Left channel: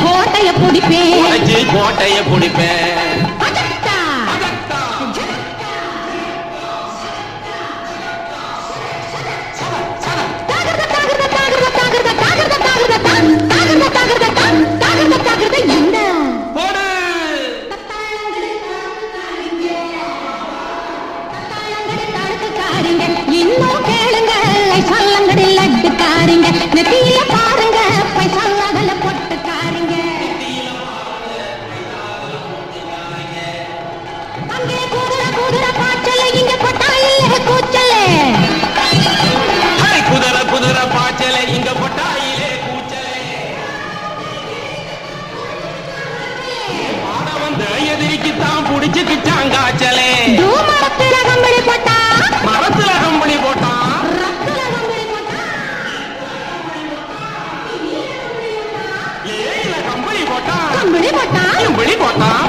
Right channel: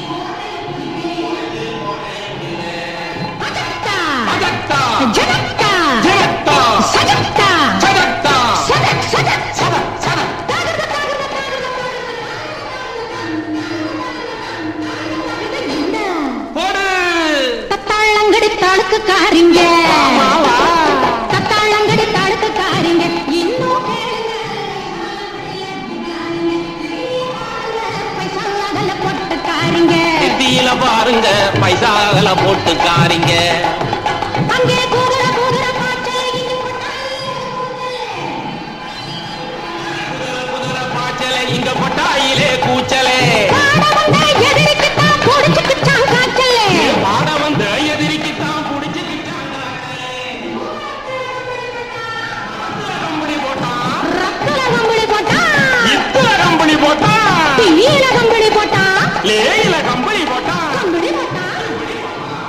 கோட்டைய பிடிப்பேன் உடைச்சு கோட்டைய பிடிப்பேன் அஜக்தா அஜக்தா ஜனக்தா ஜனக்தா சஜக்தா சதக்தா சதக் சதக் சதக் சதக் தாகர்த தாகர்த தாகர்த தாகர்த தாகர்த தாகர்த தாகர்த தாகர்த தாகர்த தாகர்த இந்த போடு தத்தாளங்கடி தாளுக்கு காரிங்க தத்தாளங்கடி தாளுக்கு காரிங்க இன்னும் கேளுங்க சல்லங்கடி லட்டு காரிங்க நெத்தியில பாருங்க பைசால பொட்டு காரிங்க நெத்தியில பாருங்க பைசால போட்டுக்காரிங்க அங்கே குதிரை குதிரை பாய்ச்சல இங்க கொட்டாயில கூச்சலே குதிரை குதிரை பாய்ச்சல இங்க கொட்டாயிலே கூச்சலே பாட வந்த எதிரிக்குத்தான் புடிச்சுக்கிச்சான் காய்ச்சலே மரத்துல கம்பளி போட்டான் இத்துல கம்பளி போட்டான் லேயில கம்பளி போட்டான் கம்பளி போட்டான்